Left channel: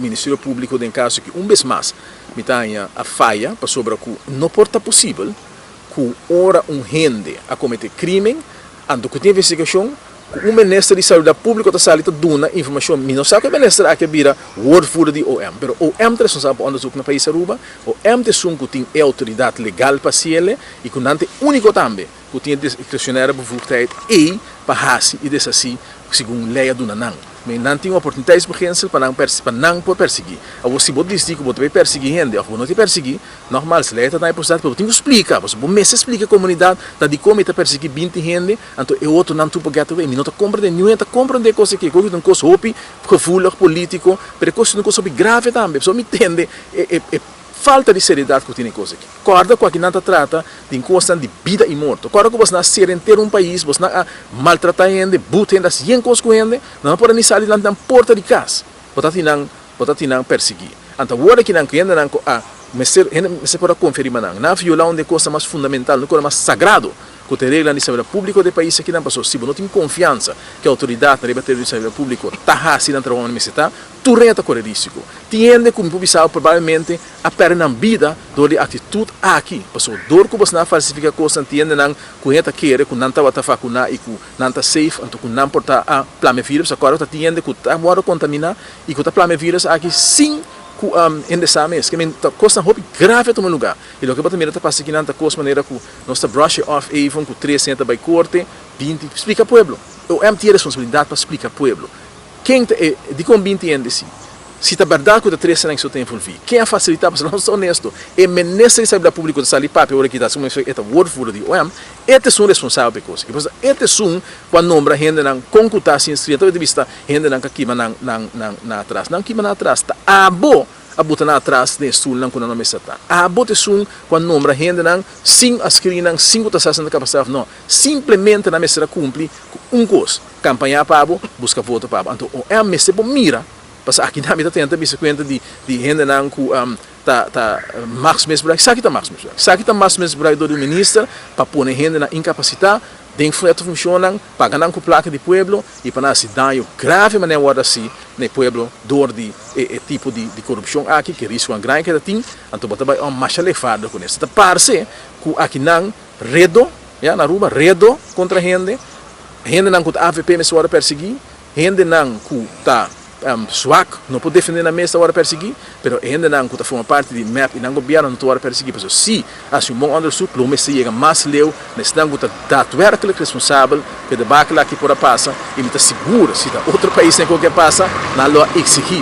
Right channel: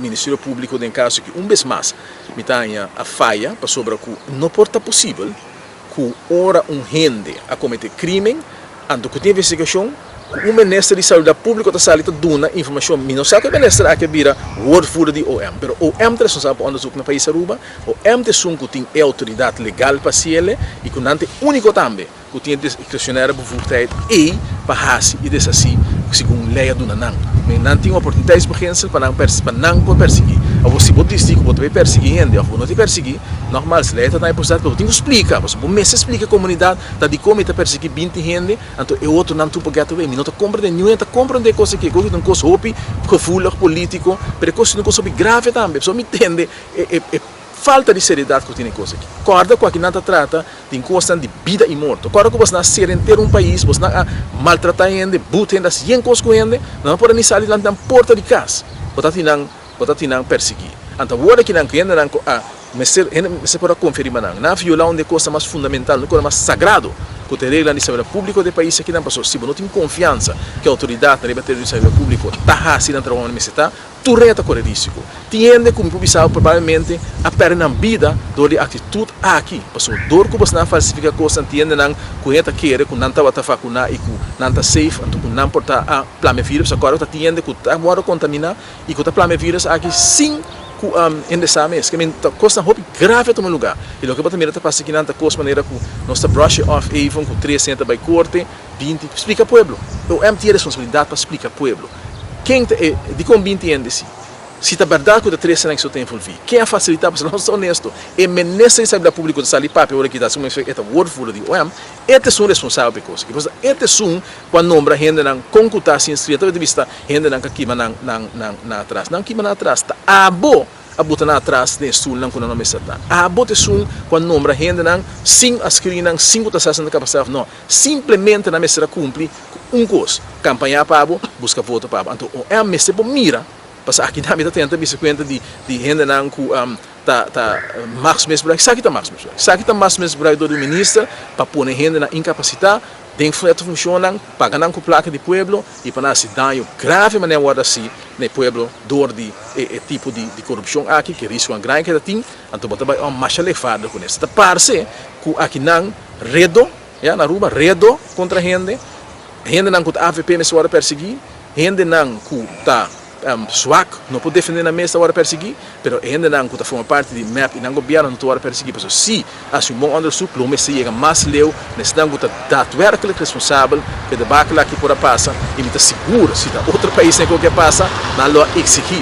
Ministério Público em caso que vez mais me tenha a falha para sobre que não porta possível que ora rende a cometer crime, ando que tem investigação, o Ministério de Saúde Pública está saliendo dona informação, não sabe que o Ministério aqui vira woordvoerder de OM, mas o OM é responsável por onderzoek no país Aruba, o OM tem autoridade legal para ele e que não tem único também, que tem discricionária bevoegdheid e para fazer e dessa assim, segundo lei do Nanang. Mas não tem oportunidades para não perseguir. Ou você pode dizer que você vai perseguir, ou não te perseguir, normal, se lei está na possibilidade, você tem que explicar, você pode explicar a comunidade, de como está perseguir 20 gente, então o outro não tem porque não compreende nenhuma, não compreende coisa que é uma coisa profundo, político, mas é uma coisa grave também, você me entende, falta de seriedade que tem coisa aqui. Corda com que não trata de coisa de vida e morte. Corda com você não ser inteiro país, você não maltratar gente, buta gente, sem coisa com gente, não pode nem sair na porta de casa. Você não perseguir. Então, agora que não quer você pode conferir, não violar onde coisa mais fundamental, coisa mais sagrado, que tem regra de saúde pública do país aqui não passou. Se você não tem confiança que a autoridade da de saúde pública está assim na trabalho necessitar, tu reta correr risco. Tiende como publicado provavelmente a perder a vida do de atitude aqui. Passou dor que você não falsifica coisa, tiende não correta querer que não está vacuna e que não está safe, então que não porta a plame vírus, agora está tiende que está agora contaminar e que está plame vírus aqui sim em dessa mês, que é coisa grave no lugar. E o que você mira passa aqui nanta coisa maneira que nós está brush off even com 300 by corte, 20, explica ao povo. O MT é responsabilidade para explicar ao povo. Quem de com 20 anos si? Se está verdade que o 300 anos tem envolvido, quem a facilitar para nós honesto, é ministro de saúde pública de salir para o que está como é wordful de OM, este são responsável por coisa. Porque este são quando nombra gente não concutar se inscrito de vista gente não que na atrás, não que na atrás, tá a botar na atrás de sul não quando não me está. A botar sul quando nombra gente não sim a screen não sim que está sendo capacidade não, simplesmente na mesa cumprir coisa, campanha para busca voto para. Então o OM se mira. Parce aqui na minha tenta bisa conta de gente não que Max Mesbrai, sabe que tá Max Mesbrai, sabe que tá Max Mesbrai do ministro para pôr gente na incapacidade, tem fleto funcionam, pagar não com placa de pueblo e para nós dano grave maneira agora assim no pueblo dor de tipo de corrupção aqui que risco um grande que tem, então bota vai uma marcha levada com isso. Da parce que aqui não redo, na Aruba redo contra gente não que AVP me suara perseguir, gente não que tá SWAC não pode defender na mesa hora perseguir, mas ainda não está forma parte de MAP e não governo não hora perseguir, porque se assim bom undersub, o mês chega mais leu, nesse não está daadwerkelijk responsável que debacle aqui por a passa e está seguro se da outro país é qualquer passa, não lo exigir.